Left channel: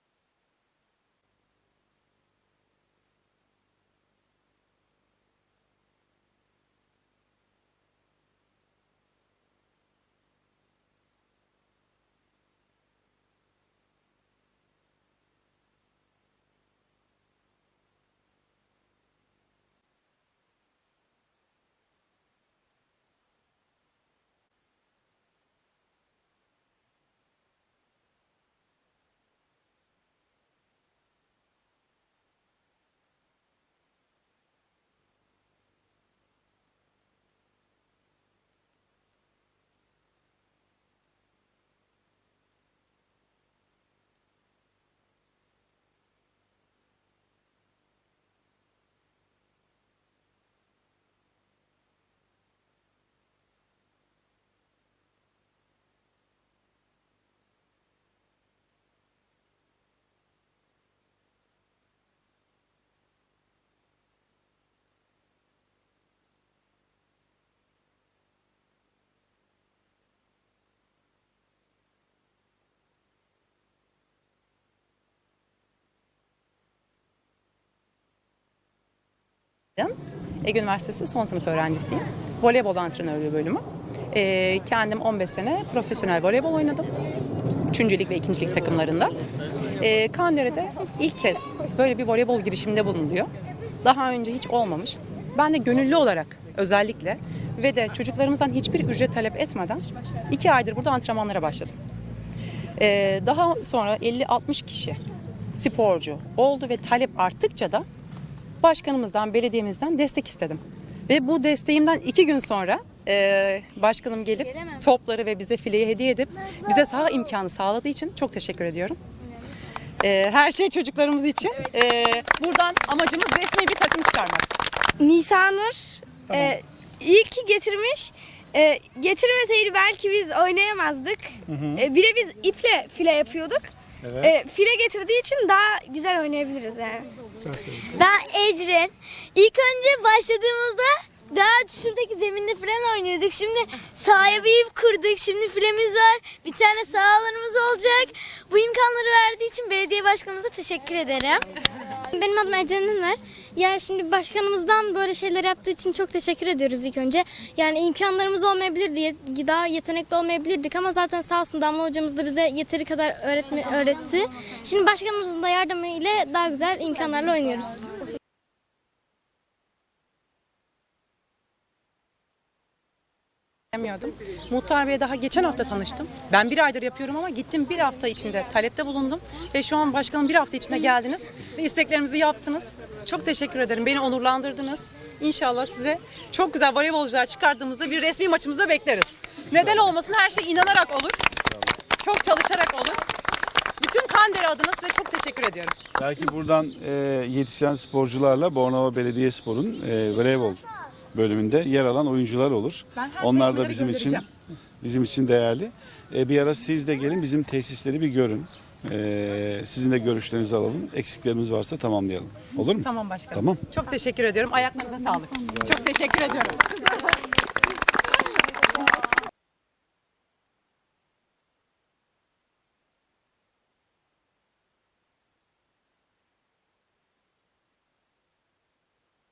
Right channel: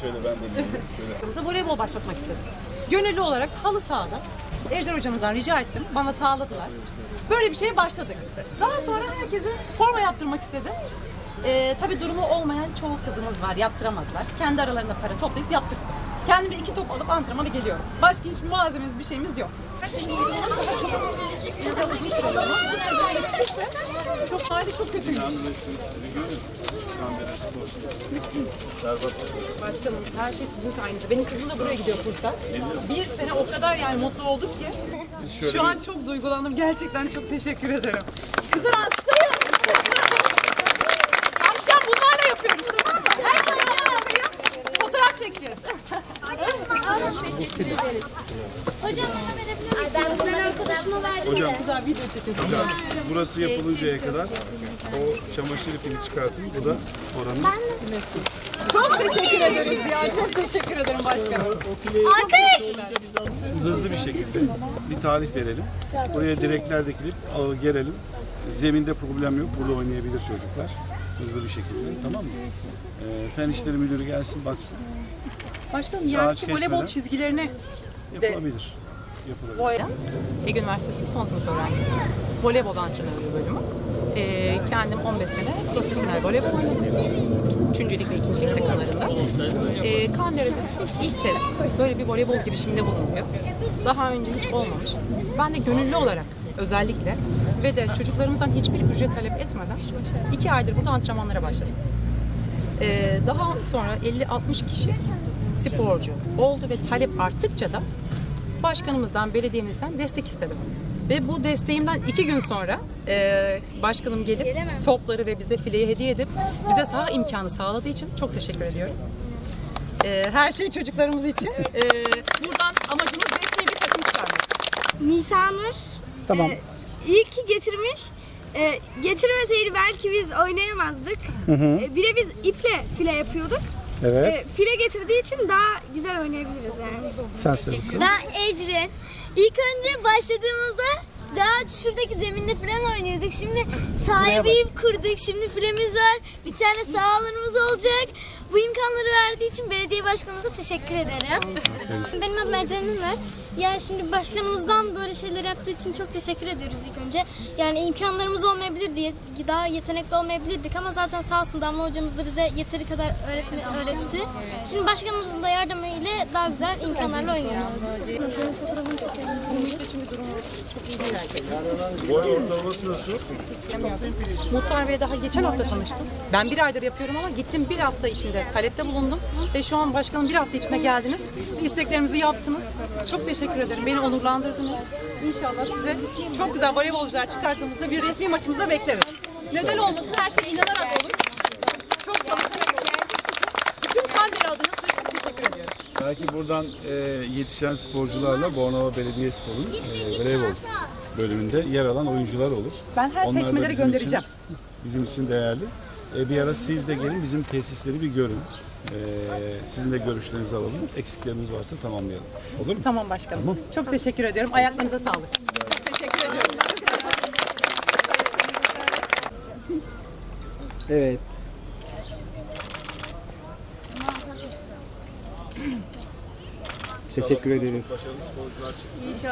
şöyle ben de dinleyeyim. Şöyle. Bize voleybol başlatmak istedim. Gönüllü olarak halı sahada Ejder hocamızdan rica ettim. Bana sağladılar. Böyle bir şeye başladık. Daha sonra herkese forma yaptırmak istedim. Ee, tabii durumu olmayan çoğu kızımız var. Yaptıramadılar. Kendi aralarında para toplayıp yaptırdık. Kendime iki top alıp antrenmana geliyorum. Başka hiç malzememiz bir şeyimiz yok. Hali çok kötüymüş. Başkanım her şey sizin sayenizde. Benim kızım da buraya gidiyor kursa. Bir sene o kadar yani mutlu olduk ki. Şu an çok duygulandım. Gerçekten çok teşekkür ederim. Kızlar Güzel video çekin. hocam burası yapılıncaya kadar o çamaşır ipini çıkartın. Bu da oranın. Çok teşekkür ederiz ya. Çok teşekkür ederim başkanım. Alkış! Hızlı bir şekilde bir tarih verelim. Buraya direkler dikilip ağı gerelim. Zeminde problem yok. Burada oynayabilir çocuklar. Hızlı bir şekilde. Tamam mı? Ee, Fen İşleri Müdürü gelsin baksın. Başkanım Saat yani şu voleybol kesmeden. çizgilerini Yapılabilir. Yapılabilir. Boyra. Ege Üniversitesi son sınıf öğrencisiyim. Voleybol antrenörlüğü bölümü. Ee, kendim 15 sene profesyonel voleybol oynadım. Üçüncülük ve ikincilik takımlarında. Ee, Kandere'de ilk kez böyle bir voleybol girişiminde bulunuyor. Daha önce hiç olmamış. Ben de gönüllü olarak özellikle ve de çocuklarımızdan hiçbir ücret talep etmeden iki aydır burada antrenmanlara başladım. Ee, daha sonra 50-60 kişi sporcu oldu ve talep arttıkça da başkanımızdan, belediyemizden destek istedim. Ve bu desteğimden iki gün sonra e, başkanım gelip topları ve bize fileyi hediye edip bize saha imkanı sağladığı için çok teşekkür ediyorum. E, her şey çocuklarımız için. E, buradan amacımız resmi bir takım çıkarmak. Nisanur e, iyi ki getirmiş. E, getirmeseydi belki biz oynayamazdık. E, bir de biz iple file yapıyorduk. Evet. E, file getirdiği için daha güzel oynayabiliriz yani. Sen söyle bakalım. Ben Ecrin. İlk önce başladığımızda daha şuradaki zeminde falan oynuyorduk. Şimdi sahaya bir ip kurduk. Şimdi filemiz var. Bir tane saha alanımız olacak. Bu imkanları verdiği için belediye başkanımıza teşekkür ederim. Benim adım Ecem Ünver. Yani şimdi başkanımızdan böyle şeyler yaptığı için çok teşekkür ediyoruz ilk önce. Yani imkanlarımız olmayabilirdi, yet- daha yetenekli olmayabilirdik ama zaten sağ olsun Damla hocamız da bize yeteri kadar öğretme, öğretti. Şimdi başkanımızın da yardımıyla daha güzel imkanlarla oynuyoruz. Boy? Muhtar Bey'e daha geçen hafta tanıştım. Ben bir aydır yapıyorum ama gittim bir hafta içinde talepte bulundum. Ve şu an başkanım bir hafta içinde geldiniz. Ve isteklerimizi yaptınız. Çok teşekkür ederim. Beni onurlandırdınız. İnşallah sizi çok güzel voleybolcular çıkardığımızda bir resmi maçımıza bekleriz. Neden olmasın her şey inanarak olur. Çok çalışarak olur. Bütün Kandere adına size çok teşekkür ediyorum. Belki buradan e, yetişen sporcularla Bornova Belediyespor'un e, voleybol bölümünde yer alan oyuncular olur. Ben her Onlar da seçmeleri bizim göndereceğim. Için, bizim için değerli. E, bir ara siz de gelin bizim tesisleri bir görün. E, sizin de görüşlerinizi alalım. Eksiklerimiz varsa tamamlayalım. Olur mu? Tamam başkanım. Tamam. Çok teşekkür ediyorum. Ayaklarınıza sağlık. Çok teşekkür ediyorum. Evet. Teşekkür ederiz. Başarılı sporcular çıksın.